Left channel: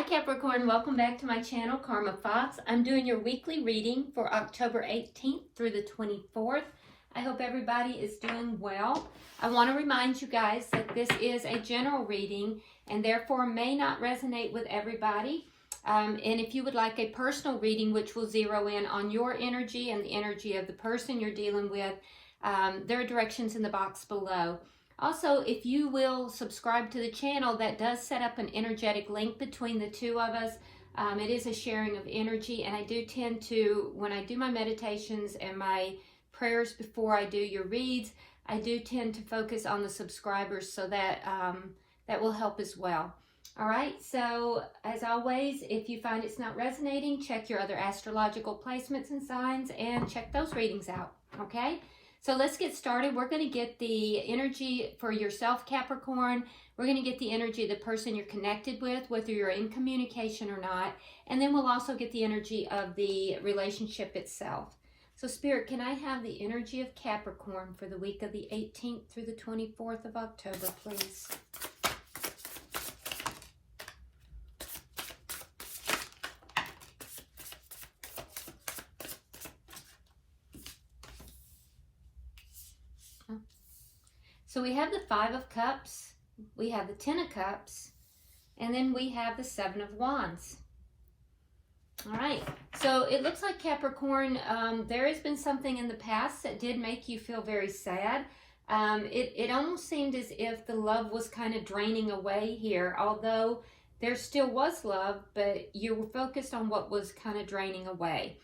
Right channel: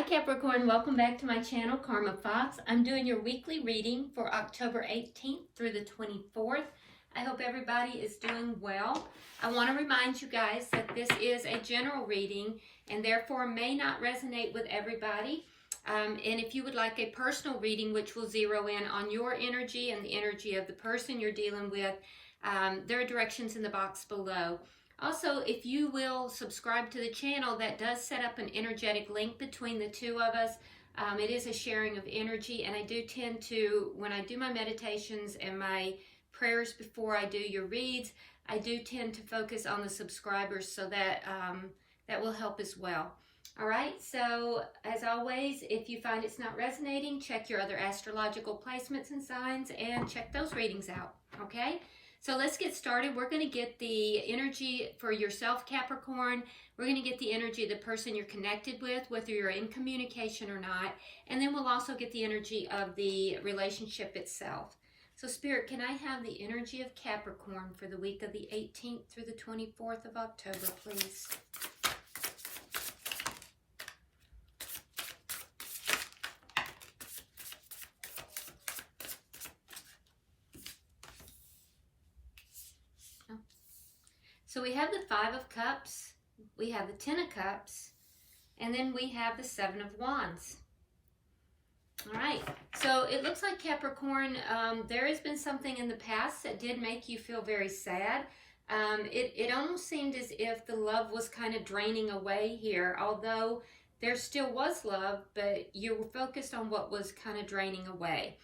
Hi Capricorn, welcome back to my channel, Karma Fox. I'm doing your weekly reading for October 18th through the 24th. I hope everybody is doing well. I want to remind you guys that this is a general reading and therefore may not resonate with everybody. And if you would like a personal reading which will zero in on your energy and the energy of the person you're dealing with, there are directions in the box below. Also, if you will subscribe to the channel, that does set up an energetic link between the two of us. It is a sharing of energy, and I do tend to, when I do my meditations and my prayers before I do your reads, I do tend to focus on the subscribers, so that that will help as well. All right, so as always, if you find it's not resonating, check your other astrological placements and signs and check those readings out, okay? So let's get started. We're going to get the energy for yourself, Capricorn. We're going to get the energy of the person you're connected with, whether you're in communication or not. And then we'll also get the energy of the relationship itself. So Spirit, can I have the energy of Capricorn for the week of the 18th through the 24th of October, please? So we have the Five of Cups, we have the Ten of Cups, and then we have the Seven of Wands. All right, so it looks like Capricorn, there has been something in the past that did make you feel very sad. It almost seemed as if the love was kind of draining away here, although there still was love, but you were focused on what was kind of draining away.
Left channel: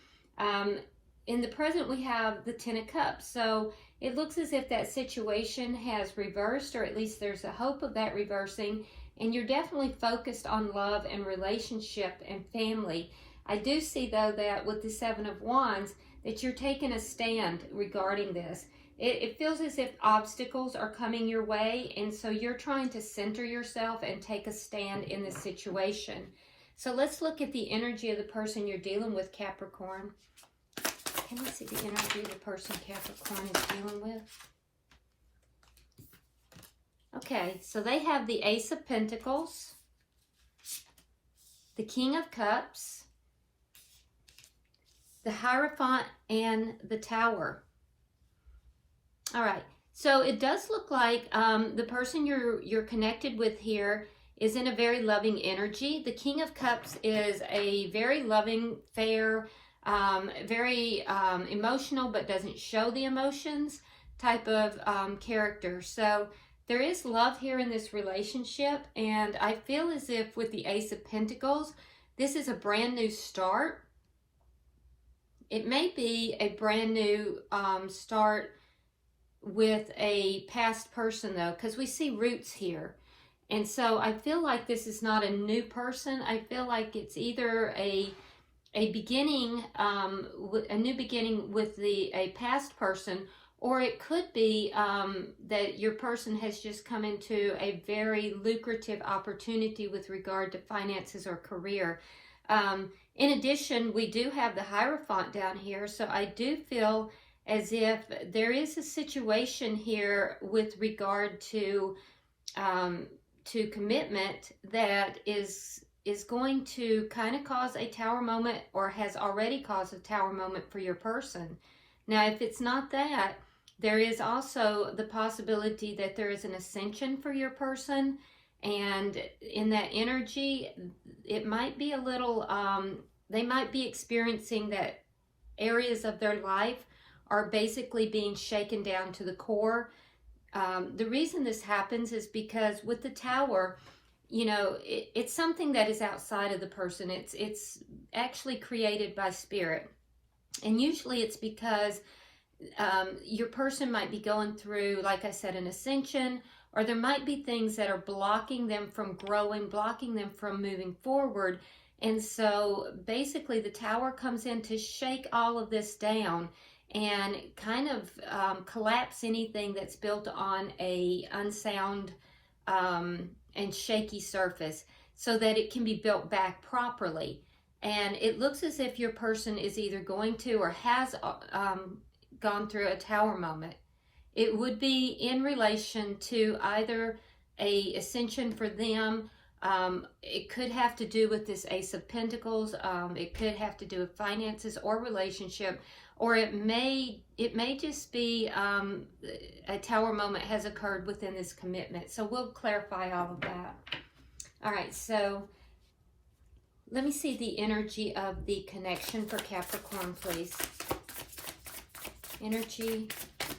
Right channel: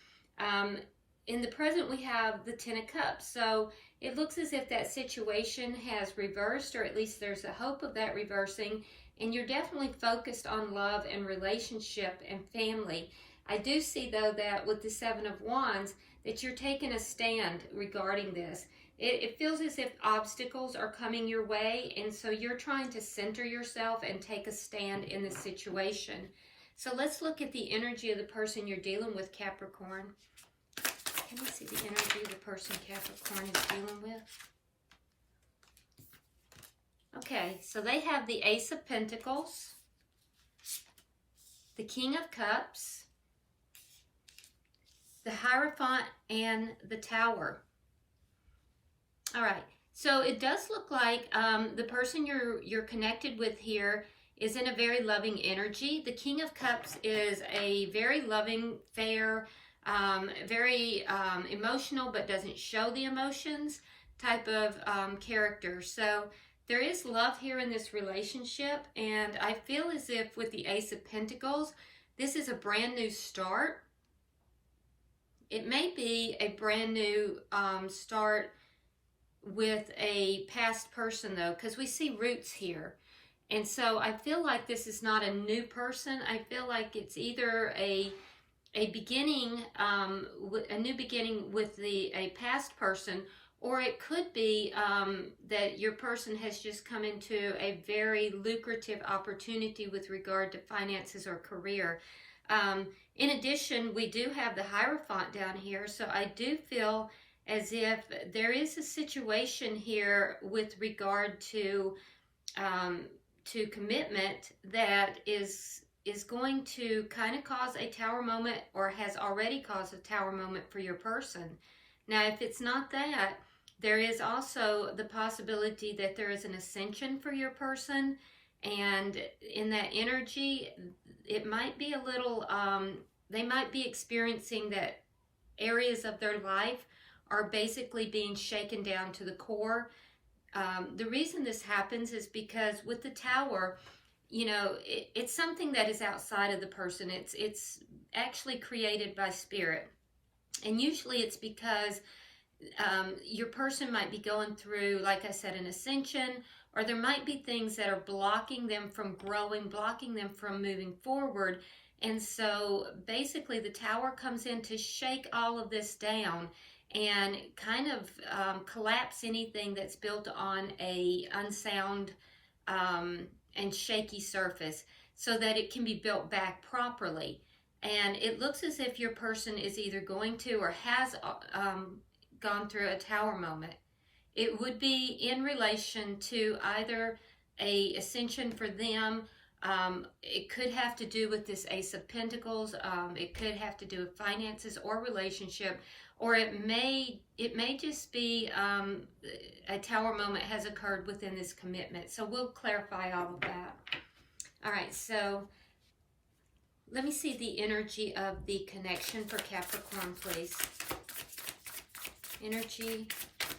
In the present, we have the Ten of Cups, so it looks as if that situation has reversed, or at least there's a hope of that reversing, and you're definitely focused on love and relationship and family. I do see, though, that with the Seven of Wands, that you're taking a stand regarding this. It feels as if obstacles are coming your way, and so you're trying to center yourself and take a stand in this situation. So let's look at the energy of the person you're dealing with, Capricorn. Can you see the energy of the person Capricorn is dealing with? Okay, so they have the Ace of Pentacles, the King of Cups, the Hierophant, and the Tower. All right, so it does look like the person you're connected with here is in a very loving energy. The King of Cups is a very loving, fair, very emotional but doesn't show the emotions type of character. So there is love here in this relationship, and I feel as if with the Ace of Pentacles, this is a brand new start. It may be a brand new start with a past person, though, because we see roots here. And so I feel like this is not a new person. I feel like it's either a beginning, a new beginning with a past person, or it could be that your person has just come into a very lucrative opportunity with regard to finances or career. In addition, we do have the Hierophant down here, so I do feel as if there is a situation here with regard to commitment that is going to kind of cause a tower moment, or has already caused a tower moment for your person. Now, if it's not that, there is also the possibility that there is an ascension for your person, and in that energy, it might be a little, they might be experiencing that areas of their life are basically being shaken down to the core. The reason this happens is because with the Tower, you know, it's something that is outside of the person. It's actually created by spirit. And usually it's because your person might be going through, like I said, an ascension, or there might be things that are blocking them from growing, blocking them from moving forward. And so basically the Tower comes in to shake all of this down and kind of collapse anything that's built on a unsound and shaky surface, so that it can be built back properly. And it looks as if your person is either going to or has gone through a tower moment. It would be in relation to either a ascension for them, It could have to do with this Ace of Pentacles. It could have to do with finances or relationship, or it may just be a Tower moment has occurred within this commitment. So we'll clarify all of that. All right, so let me see the energy of the connection for Capricorn, please. Energy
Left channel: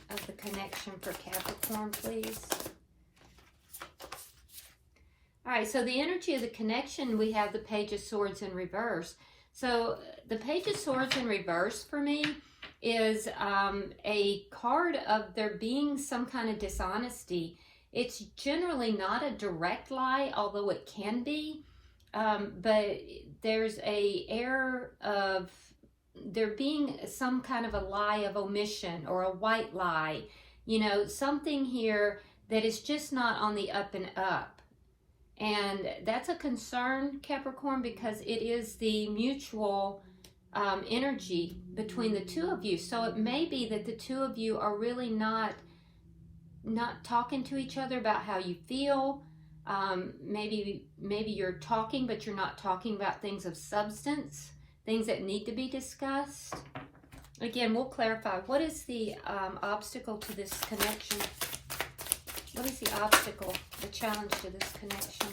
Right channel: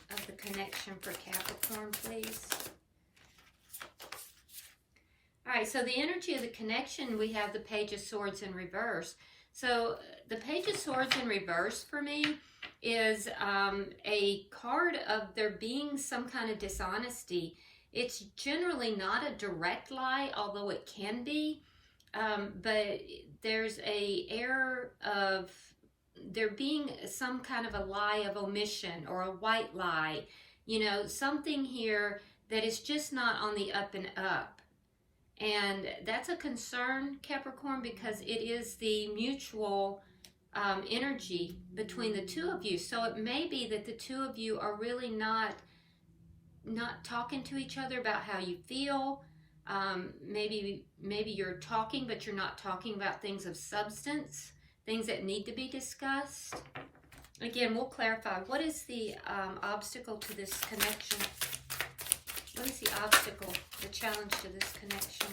of the connection for Capricorn, please. All right, so the energy of the connection, we have the Page of Swords in reverse. So the Page of Swords in reverse for me is a card of there being some kind of dishonesty. It's generally not a direct lie, although it can be, but there's a air of there being some kind of a lie of omission or a white lie, you know, something here that is just not on the up and up. And that's a concern, Capricorn, because it is the mutual energy between the two of you. So it may be that the two of you are really not talking to each other about how you feel. Maybe you're talking, but you're not talking about things of substance, things that need to be discussed. Again, we'll clarify. What is the obstacle to this connection? What is the obstacle, the challenge to this connection?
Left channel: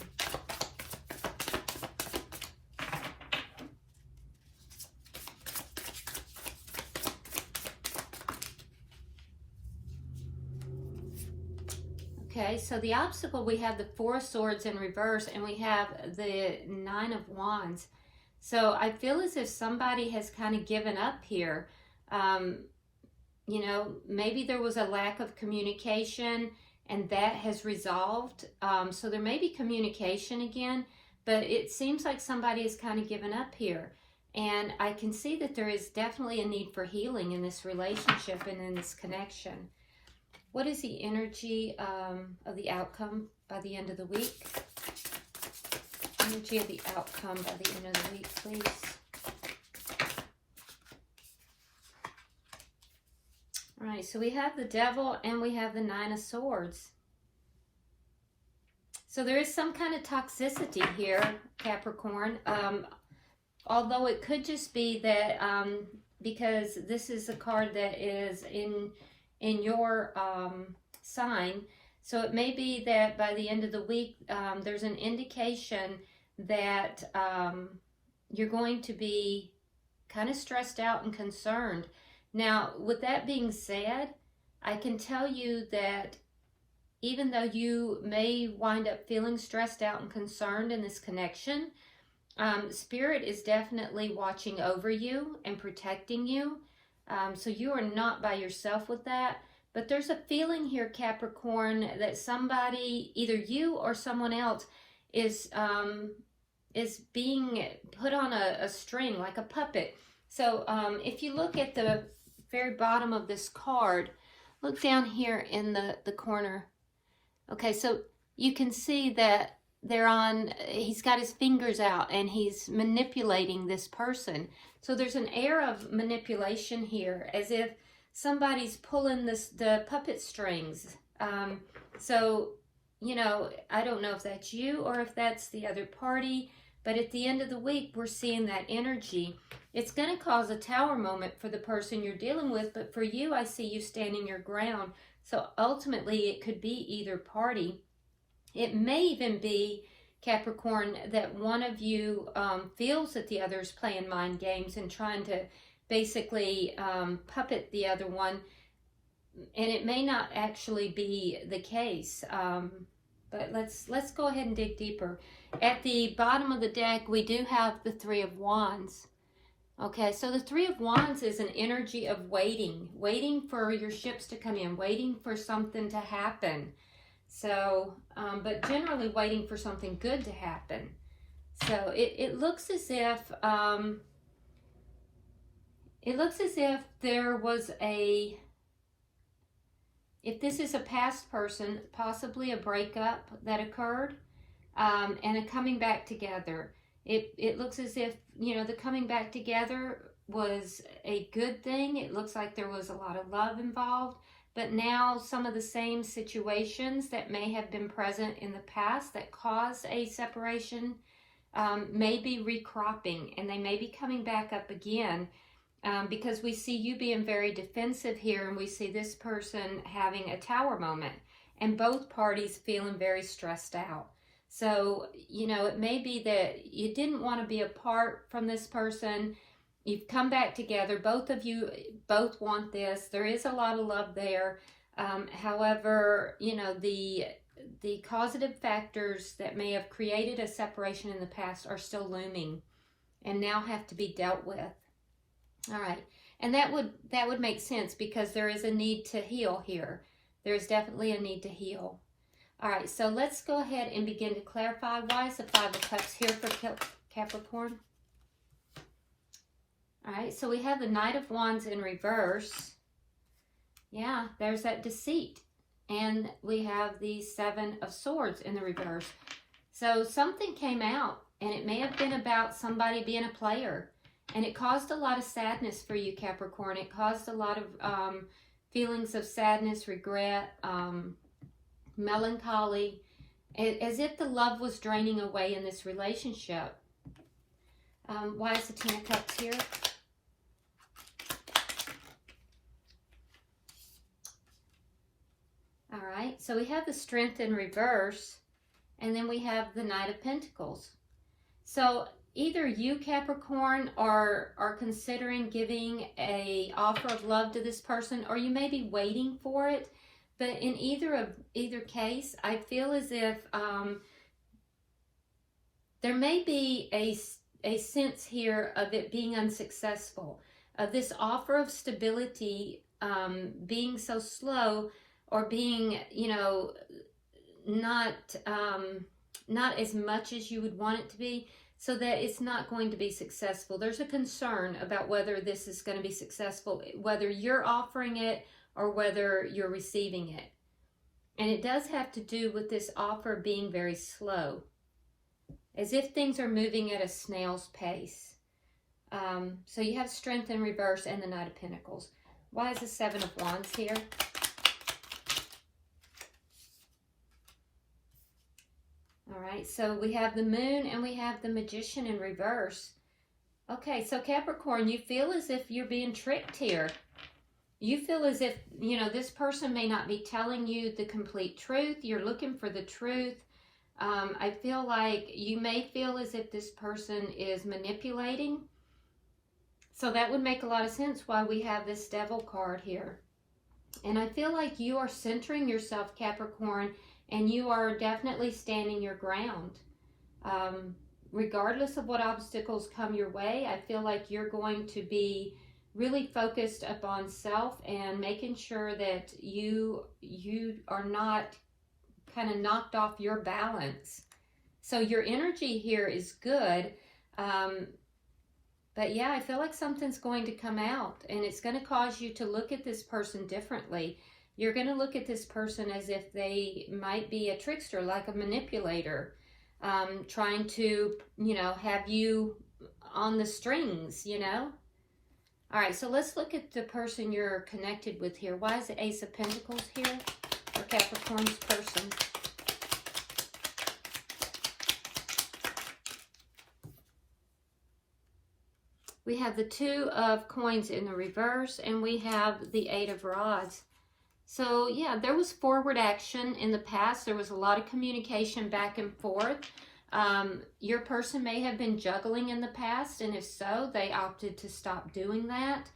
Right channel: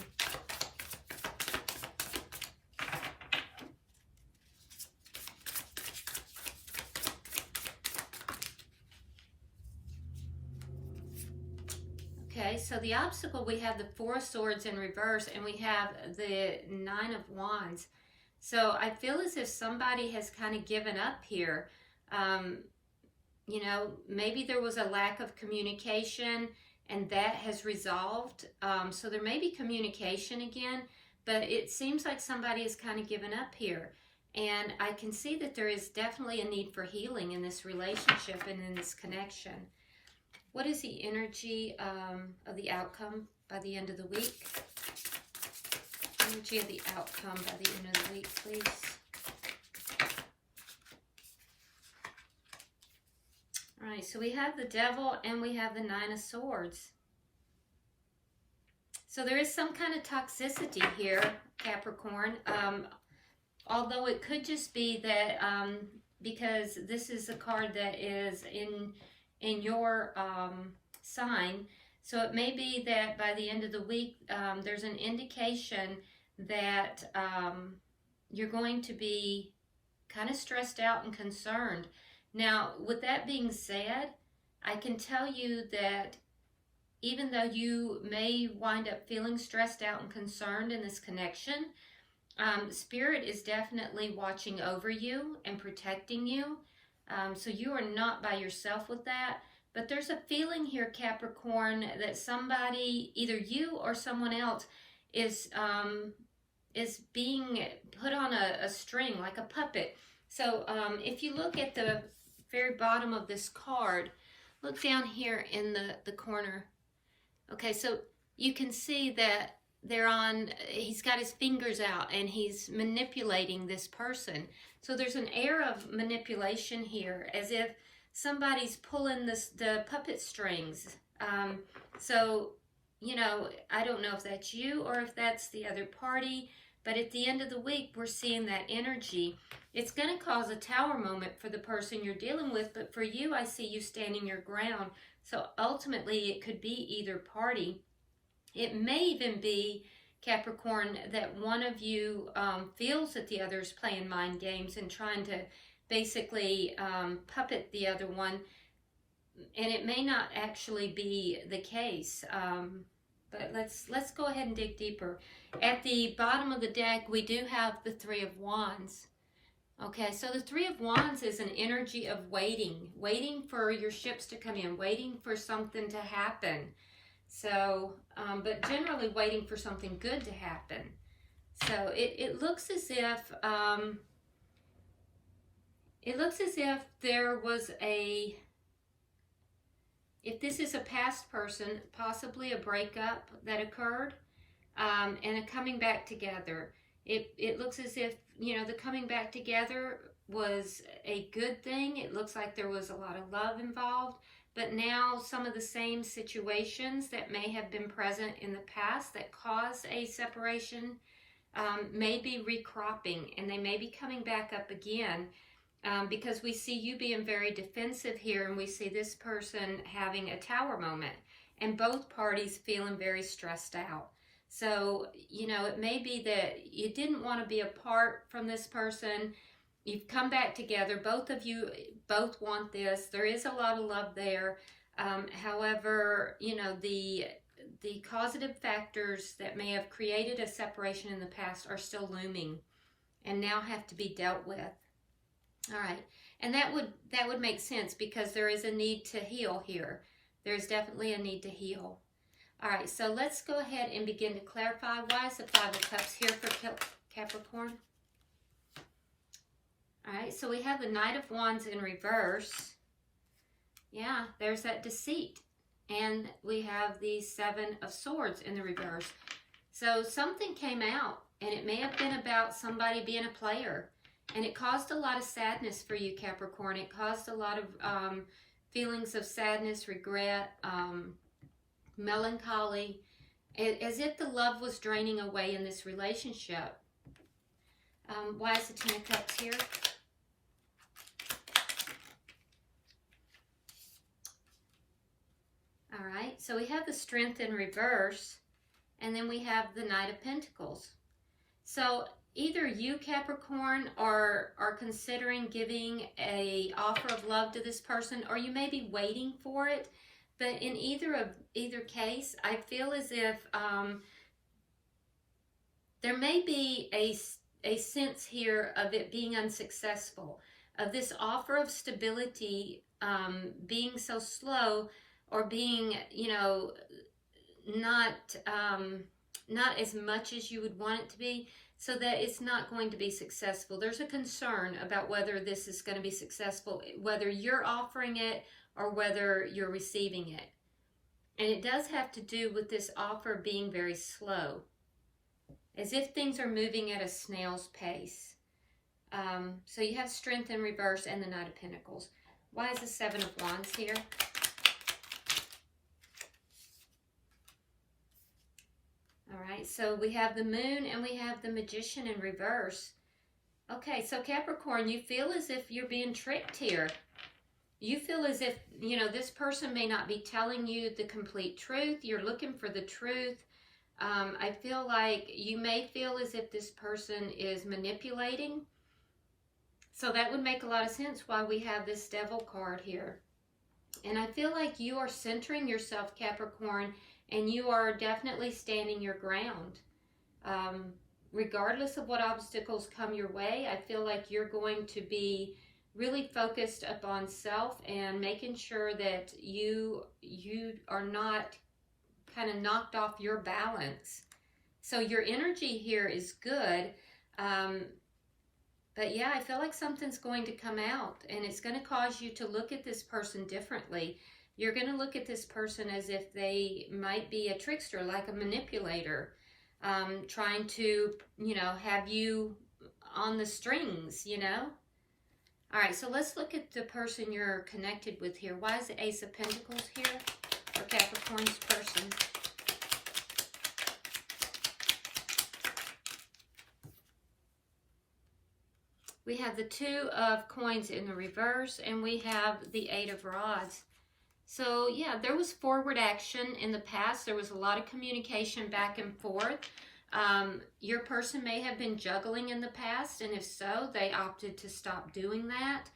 Okay, so the obstacle, we have the Four of Swords in reverse, and we have the Nine of Wands. So I feel as if somebody has kind of given up here. You know, maybe there was a lack of communication, and that has resolved. So there may be communication again, but it seems like somebody has kind of given up here. And I can see that there is definitely a need for healing in this relationship and in this connection. What is the energy of the outcome by the end of the week? Energy of the outcome by the end of the week, please. All right, so we have the Devil and we have the Nine of Swords. So there is some kind of toxicity here, Capricorn. Although it could just be that because this is a card that is in your sign, so it may be that by the end of the week there's an indication that you're going to be kind of stressed out and concerned. Now, with that being said, I can tell you that even though you may wind up feeling stressed out and concerned in this connection, Spirit is definitely watching over you and protecting you. So you are not by yourself with that. But there's a feeling here, Capricorn, that somebody, either you or someone else, is being put on a string, like a puppet. So if you look at the very bottom of this card, look down here in the corner. Okay, so you can see that he's got his fingers out and he's manipulating this person. So there's an air of manipulation here, as if somebody's pulling the puppet strings. So, you know, I don't know if that's you or if that's the other party, but at the end of the week, we're seeing that energy. It's going to cause a Tower moment for the person you're dealing with, but for you, I see you standing your ground. So ultimately, it could be either party. It may even be, Capricorn, that one of you feels that the other is playing mind games and trying to basically puppet the other one, and it may not actually be the case. But let's go ahead and dig deeper. At the bottom of the deck, we do have the Three of Wands. Okay, so the Three of Wands is an energy of waiting for your ships to come in, waiting for something to happen. So, but generally waiting for something good to happen. So it looks as if there was if this is a past person, possibly a breakup that occurred, and a coming back together. It looks as if, you know, the coming back together was a good thing. It looks like there was a lot of love involved, but now some of the same situations that may have been present in the past that caused a separation may be recropping, and they may be coming back up again, because we see you being very defensive here, and we see this person having a tower moment, and both parties feeling very stressed out. So, you know, it may be that you didn't want to be apart from this person. You've come back together. Both of you both want this. There is a lot of love there. However, you know, the causative factors that may have created a separation in the past are still looming and now have to be dealt with. All right. And that would make sense, because there is a need to heal here. There's definitely a need to heal. All right. So let's go ahead and begin to clarify. Why is the Five of Cups here for Capricorn? All right, so we have the Knight of Wands in reverse. Yeah, there's that deceit. And we have the Seven of Swords in the reverse. So something came out, and it may have been about somebody being a player. And it caused a lot of sadness for you, Capricorn. It caused a lot of feelings of sadness, regret, melancholy, as if the love was draining away in this relationship. Why is the Ten of Cups here? All right, so we have the Strength in reverse, and then we have the Knight of Pentacles. So either you, Capricorn, are considering giving an offer of love to this person, or you may be waiting for it. But in either case, I feel as if there may be a sense here of it being unsuccessful, of this offer of stability being so slow, or being, you know, not as much as you would want it to be, so that it's not going to be successful. There's a concern about whether this is going to be successful, whether you're offering it or whether you're receiving it. And it does have to do with this offer being very slow, as if things are moving at a snail's pace. So you have Strength in reverse and the Knight of Pentacles. Why is the Seven of Wands here? All right, so we have the Moon and we have the Magician in reverse. Okay, so Capricorn, you feel as if you're being tricked here. You feel as if, you know, this person may not be telling you the complete truth. You're looking for the truth. I feel like you may feel as if this person is manipulating. So that would make a lot of sense why we have this Devil card here. And I feel like you are centering yourself, Capricorn, and you are definitely standing your ground. Regardless of what obstacles come your way, I feel like you're going to be really focused upon self and making sure that you are not kind of knocked off your balance. So your energy here is good. But yeah, I feel like something's going to come out, and it's going to cause you to look at this person differently. You're going to look at this person as if they might be a trickster, like a manipulator, trying to, you know, have you on the strings, you know. All right, so let's look at the person you're connected with here. Why is the Ace of Pentacles here for Capricorn's person? We have the Two of Coins in the reverse, and we have the Eight of Rods. So yeah, there was forward action in the past. There was a lot of communication back and forth. Your person may have been juggling in the past, and if so, they opted to stop doing that.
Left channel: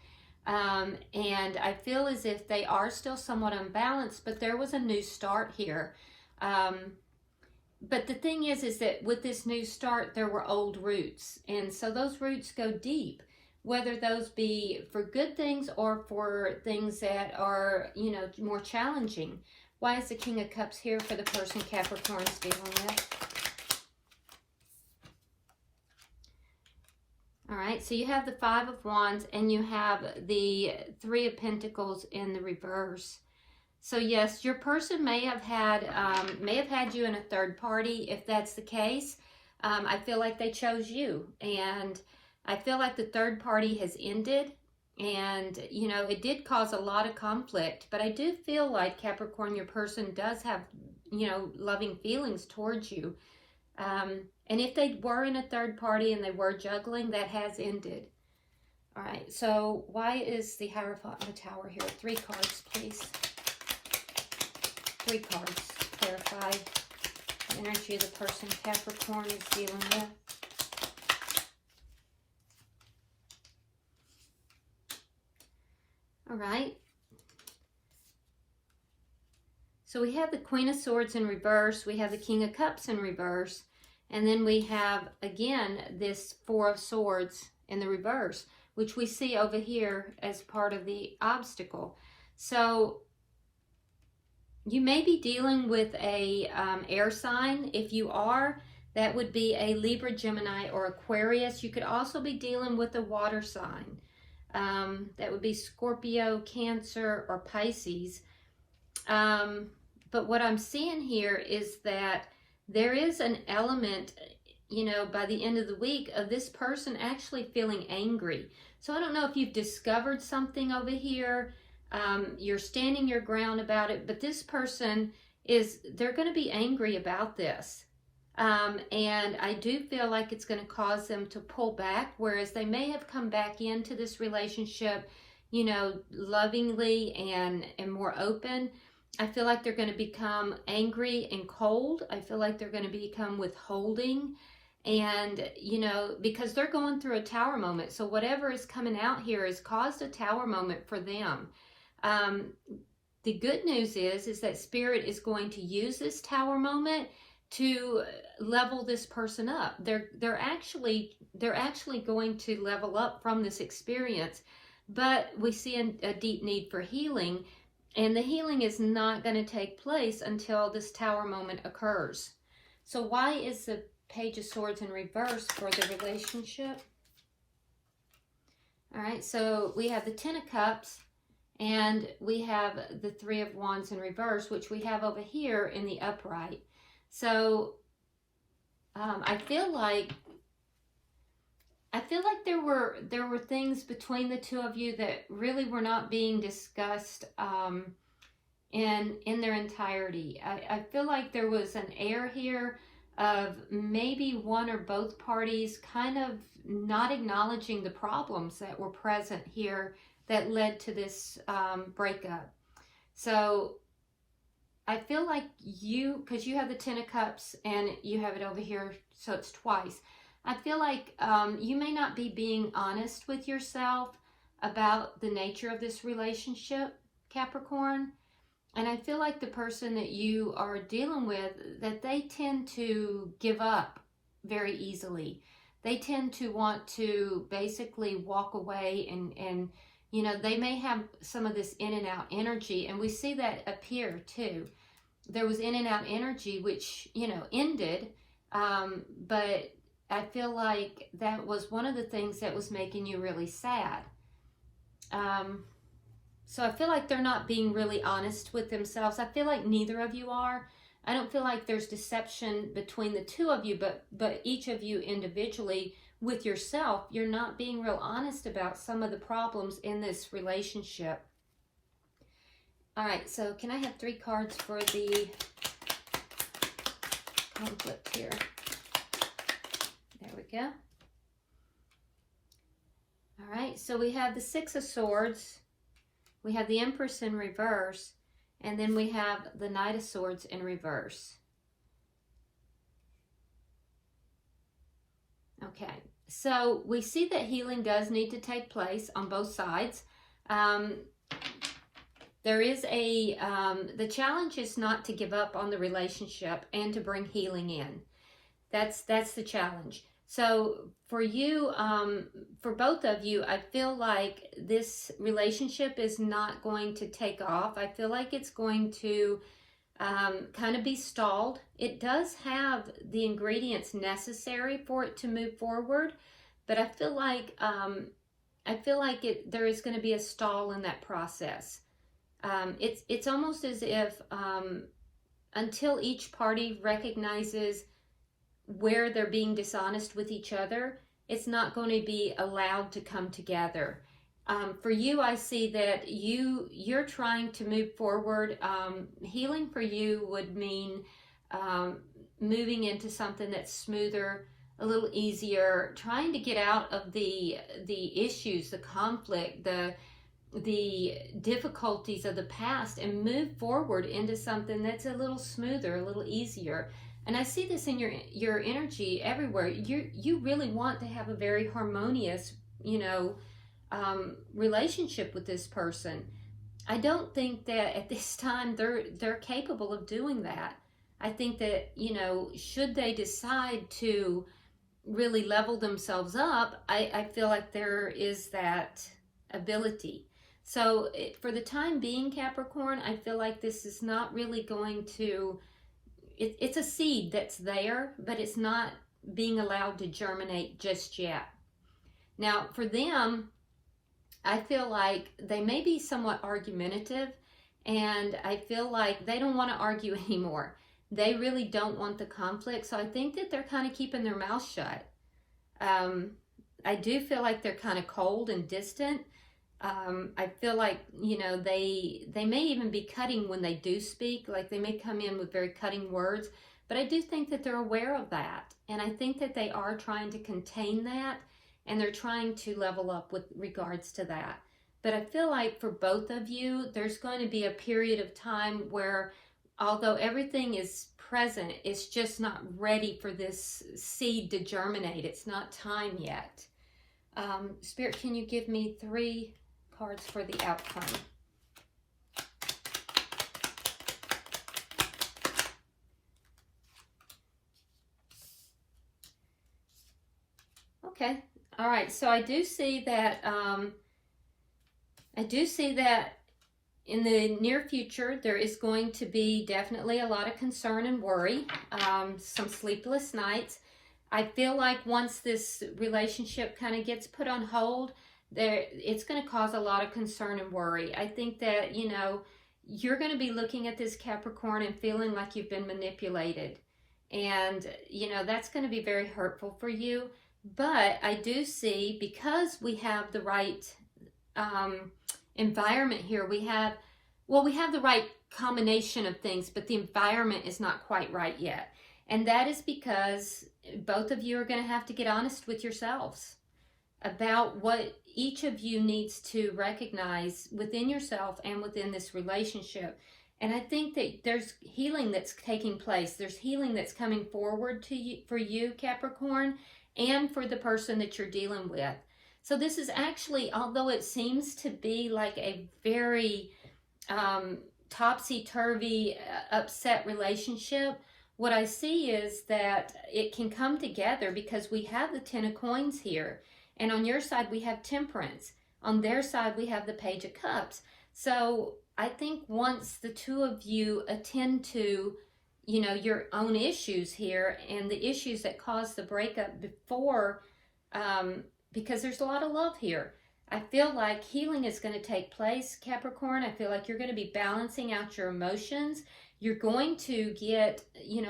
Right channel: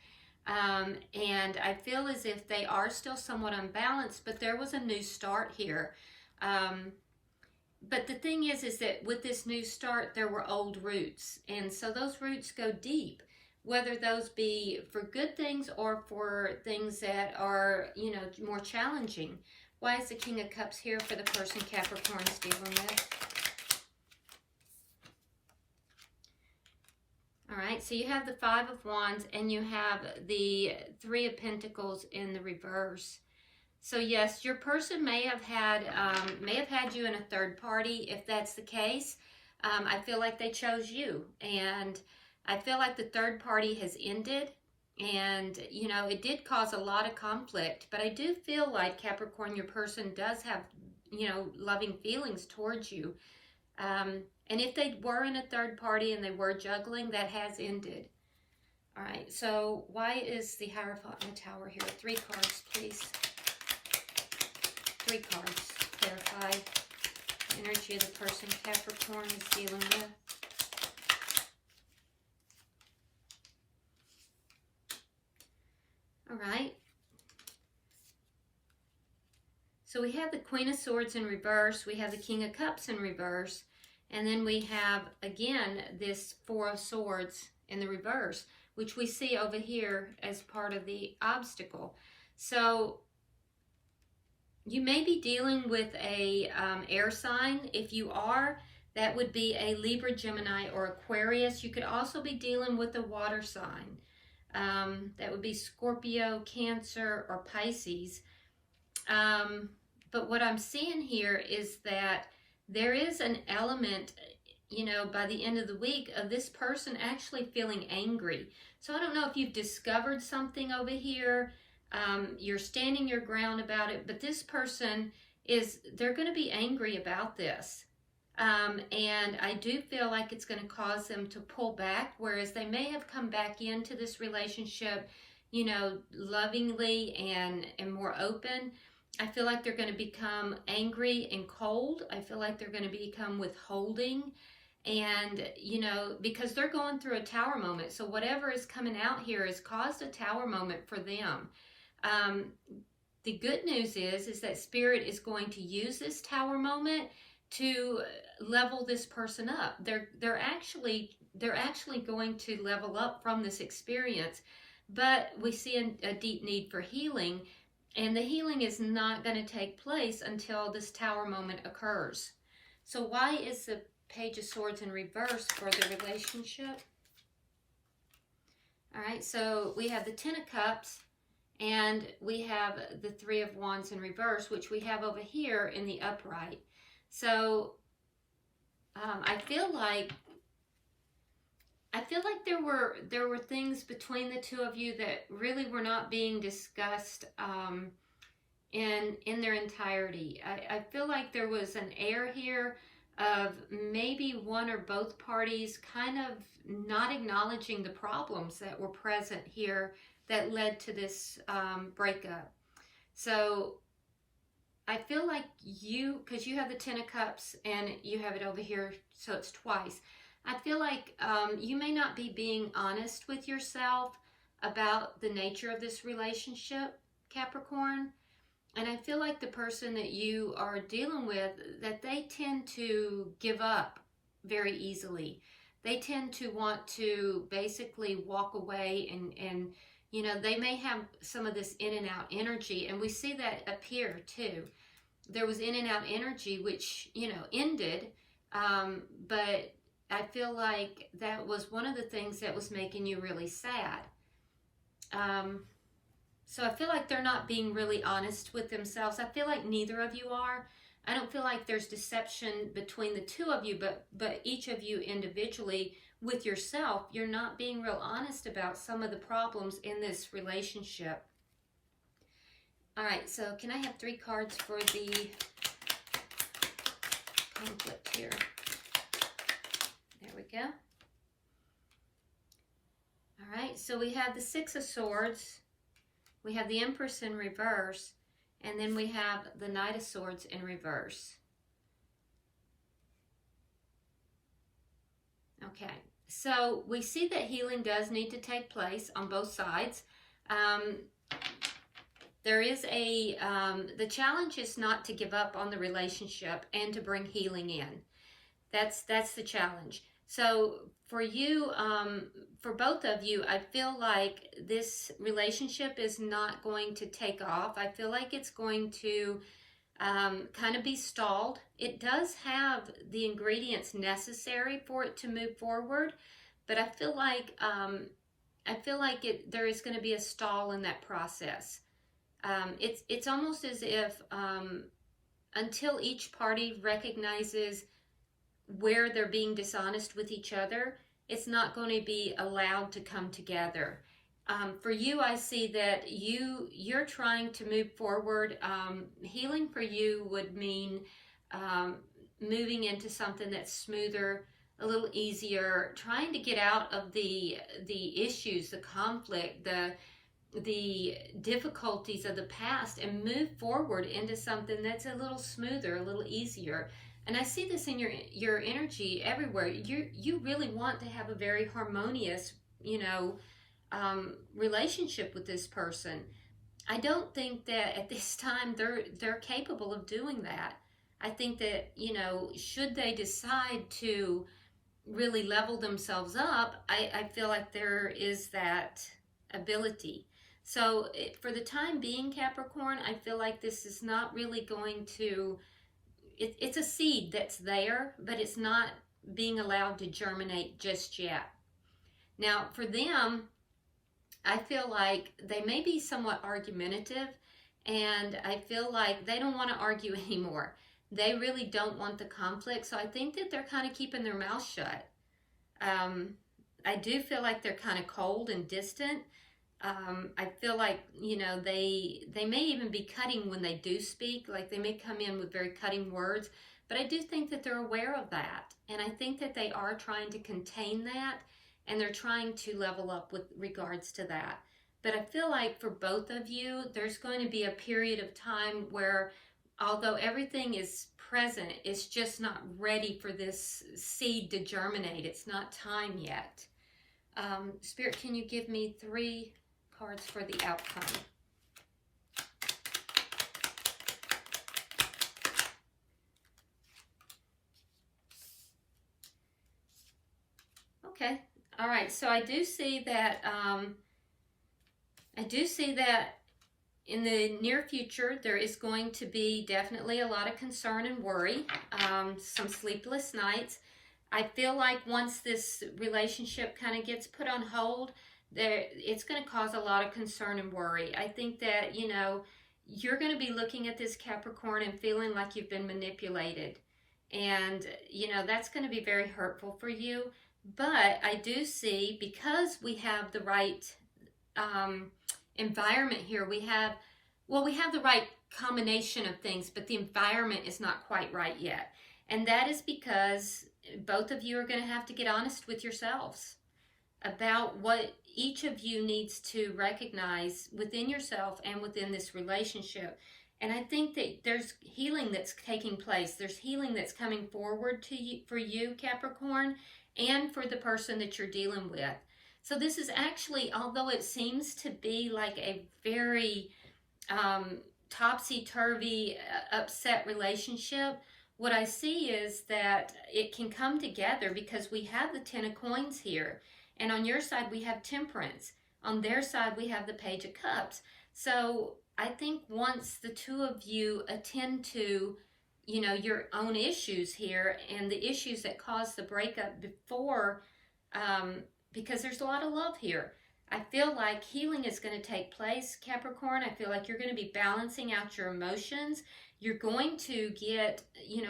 And I feel as if they are still somewhat unbalanced, but there was a new start here. But the thing is that with this new start, there were old roots. And so those roots go deep, whether those be for good things or for things that are, you know, more challenging. Why is the King of Cups here for the person Capricorn's dealing with? All right, so you have the Five of Wands and you have the Three of Pentacles in the reverse. So yes, your person may have had you in a third party. If that's the case, I feel like they chose you, and I feel like the third party has ended, And, you know, it did cause a lot of conflict, but I do feel like, Capricorn, your person does have, you know, loving feelings towards you. And if they were in a third party and they were juggling, that has ended. All right, so why is the Hierophant and the Tower here? 3 cards, please. 3 cards to clarify the energy of the person Capricorn is dealing with. All right. So we have the Queen of Swords in reverse. We have the King of Cups in reverse. And then we have, again, this 4 of Swords in the reverse, which we see over here as part of the obstacle. So you may be dealing with a air sign. If you are, that would be a Libra, Gemini, or Aquarius. You could also be dealing with a water sign. That would be Scorpio, Cancer, or Pisces. But what I'm seeing here is that there is an element, you know, by the end of the week, of this person actually feeling angry. So I don't know if you've discovered something over here. You're standing your ground about it, but this person they're going to be angry about this. And I do feel like it's going to cause them to pull back, whereas they may have come back into this relationship, you know, lovingly and more open. I feel like they're going to become angry and cold. I feel like they're going to become withholding. And, you know, because they're going through a Tower moment. So whatever is coming out here has caused a Tower moment for them. The good news is that Spirit is going to use this Tower moment to level this person up. They're actually going to level up from this experience. But we see a deep need for healing. And the healing is not going to take place until this Tower moment occurs. So why is the Page of Swords in reverse for the relationship? All right, so we have the 10 of Cups, and we have the 3 of Wands in reverse, which we have over here in the upright. So I feel like there were things between the two of you that really were not being discussed in their entirety. I feel like there was an air here of maybe one or both parties kind of not acknowledging the problems that were present here that led to this breakup. So I feel like because you have the 10 of Cups and you have it over here, so it's twice. I feel like you may not be being honest with yourself about the nature of this relationship, Capricorn. And I feel like the person that you are dealing with, that they tend to give up very easily. They tend to want to basically walk away and you know, they may have some of this in and out energy. And we see that up here too. There was in and out energy, which, you know, ended. But I feel like that was one of the things that was making you really sad. So I feel like they're not being really honest with themselves. I feel like neither of you are. I don't feel like there's deception between the two of you, but each of you individually with yourself, you're not being real honest about some of the problems in this relationship. All right, so can I have 3 cards for the conflict here? There we go. All right, so we have the 6 of Swords. We have the Empress in reverse. And then we have the Knight of Swords in reverse. Okay, so we see that healing does need to take place on both sides. There is the challenge is not to give up on the relationship and to bring healing in. That's the challenge. So for you, for both of you, I feel like this relationship is not going to take off. I feel like it's going to kind of be stalled. It does have the ingredients necessary for it to move forward, but I feel like there is going to be a stall in that process. It's almost as if until each party recognizes where they're being dishonest with each other, it's not going to be allowed to come together. For you, I see that you're trying to move forward. Healing for you would mean moving into something that's smoother, a little easier, trying to get out of the issues, the conflict, the difficulties of the past, and move forward into something that's a little smoother, a little easier. And I see this in your energy everywhere. You really want to have a very harmonious, relationship with this person. I don't think that at this time they're capable of doing that. I think that, should they decide to really level themselves up, I feel like there is that ability. So for the time being, Capricorn, I feel like this is not really going to, it's a seed that's there, but it's not being allowed to germinate just yet. Now, for them, I feel like they may be somewhat argumentative, and I feel like they don't want to argue anymore. They really don't want the conflict, so I think that they're kind of keeping their mouth shut. I do feel like they're kind of cold and distant. I feel like, they may even be cutting when they do speak, like they may come in with very cutting words, but I do think that they're aware of that, and I think that they are trying to contain that, and they're trying to level up with regards to that. But I feel like for both of you, there's going to be a period of time where, although everything is present, it's just not ready for this seed to germinate. It's not time yet. Spirit, can you give me 3 cards for the outcome? Okay. All right. So I do see that. In the near future, there is going to be definitely a lot of concern and worry, some sleepless nights. I feel like once this relationship kind of gets put on hold, it's going to cause a lot of concern and worry. I think that, you're going to be looking at this, Capricorn, and feeling like you've been manipulated. And, that's going to be very hurtful for you. But I do see, because we have the right environment here, we have the right combination of things, but the environment is not quite right yet. And that is because both of you are going to have to get honest with yourselves about what each of you needs to recognize within yourself and within this relationship. And I think that there's healing that's taking place. There's healing that's coming forward to you, for you, Capricorn, and for the person that you're dealing with. So this is actually, although it seems to be like a very topsy-turvy, upset relationship, what I see is that it can come together because we have the 10 of coins here. And on your side, we have Temperance. On their side, we have the Page of Cups. So I think once the two of you attend to, your own issues here and the issues that caused the breakup before, because there's a lot of love here. I feel like healing is going to take place, Capricorn. I feel like you're going to be balancing out your emotions. You're going to get,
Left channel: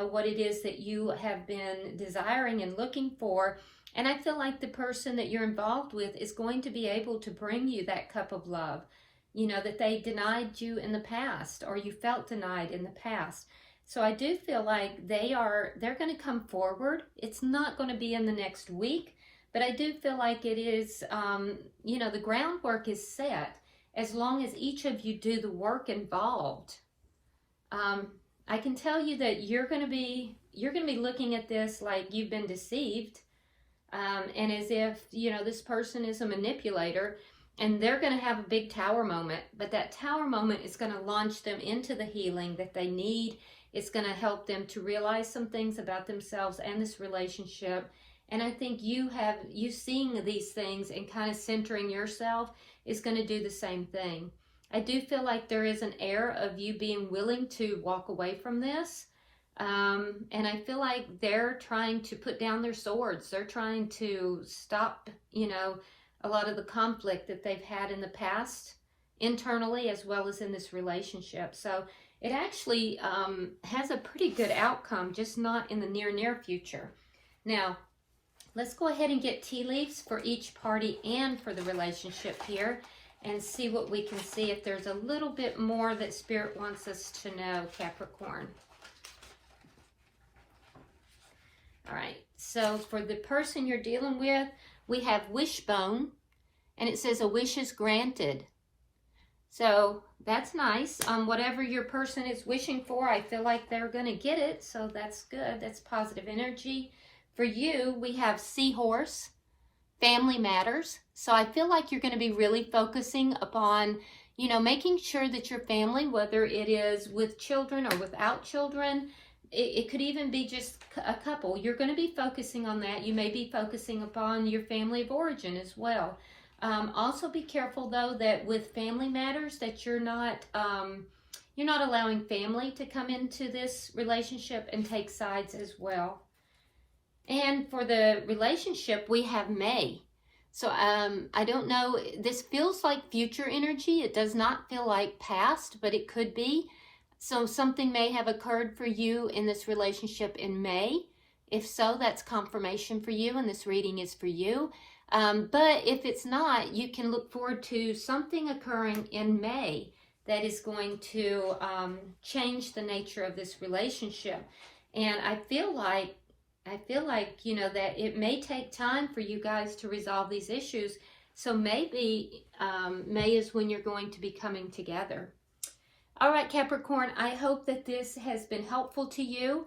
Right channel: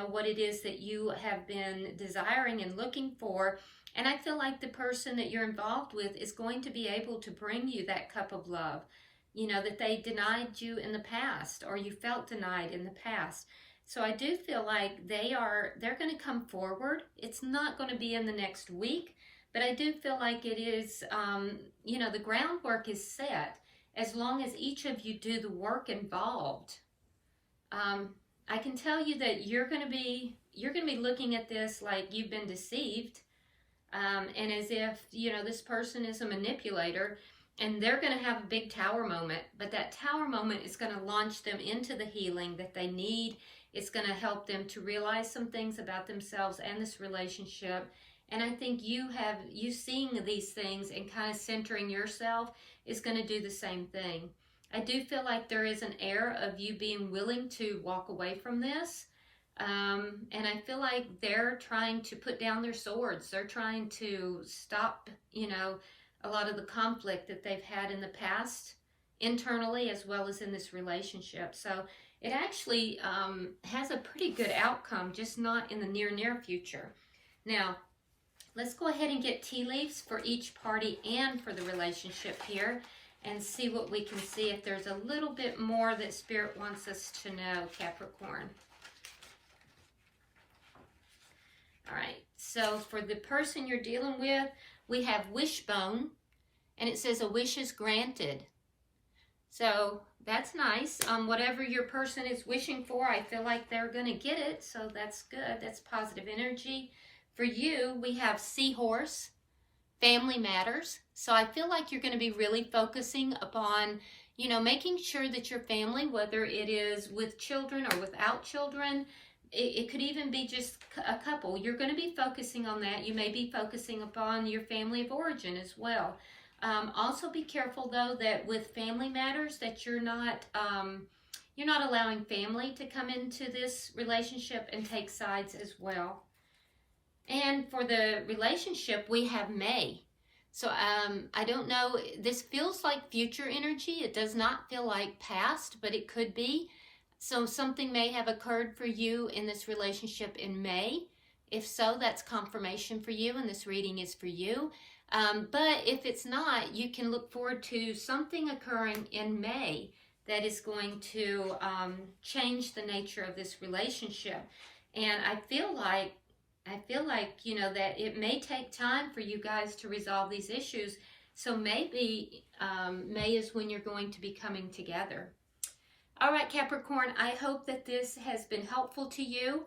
what it is that you have been desiring and looking for. And I feel like the person that you're involved with is going to be able to bring you that cup of love, that they denied you in the past, or you felt denied in the past. So I do feel like they're going to come forward. It's not going to be in the next week, but I do feel like it is, the groundwork is set as long as each of you do the work involved. I can tell you that you're going to be looking at this like you've been deceived, and as if, this person is a manipulator, and they're going to have a big tower moment, but that tower moment is going to launch them into the healing that they need. It's going to help them to realize some things about themselves and this relationship. And I think you seeing these things and kind of centering yourself is going to do the same thing. I do feel like there is an air of you being willing to walk away from this. And I feel like they're trying to put down their swords. They're trying to stop, a lot of the conflict that they've had in the past, internally as well as in this relationship. So it actually has a pretty good outcome, just not in the near future. Now, let's go ahead and get tea leaves for each party and for the relationship here and see what we can see, if there's a little bit more that Spirit wants us to know, Capricorn. All right, so for the person you're dealing with, we have wishbone, and it says a wish is granted. So that's nice. Whatever your person is wishing for, I feel like they're going to get it, so that's good. That's positive energy. For you, we have seahorse, family matters. So I feel like you're going to be really focusing upon, you know, making sure that your family, whether it is with children or without children, it could even be just a couple. You're going to be focusing on that. You may be focusing upon your family of origin as well. Also be careful though that with family matters that you're not allowing family to come into this relationship and take sides as well. And for the relationship, we have May. So I don't know, this feels like future energy. It does not feel like past, but it could be. So something may have occurred for you in this relationship in May. If so, that's confirmation for you, and this reading is for you. But if it's not, you can look forward to something occurring in May that is going to change the nature of this relationship. And I feel like, you know, that it may take time for you guys to resolve these issues. So maybe May is when you're going to be coming together. All right, Capricorn, I hope that this has been helpful to you.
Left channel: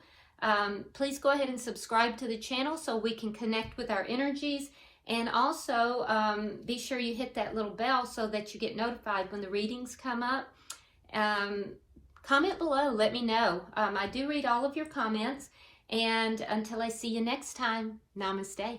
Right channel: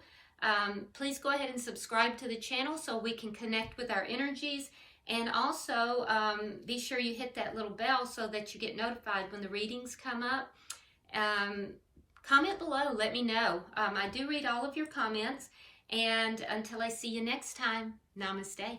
Please go ahead and subscribe to the channel so we can connect with our energies. And also, be sure you hit that little bell so that you get notified when the readings come up. Comment below, let me know. I do read all of your comments. And until I see you next time, namaste.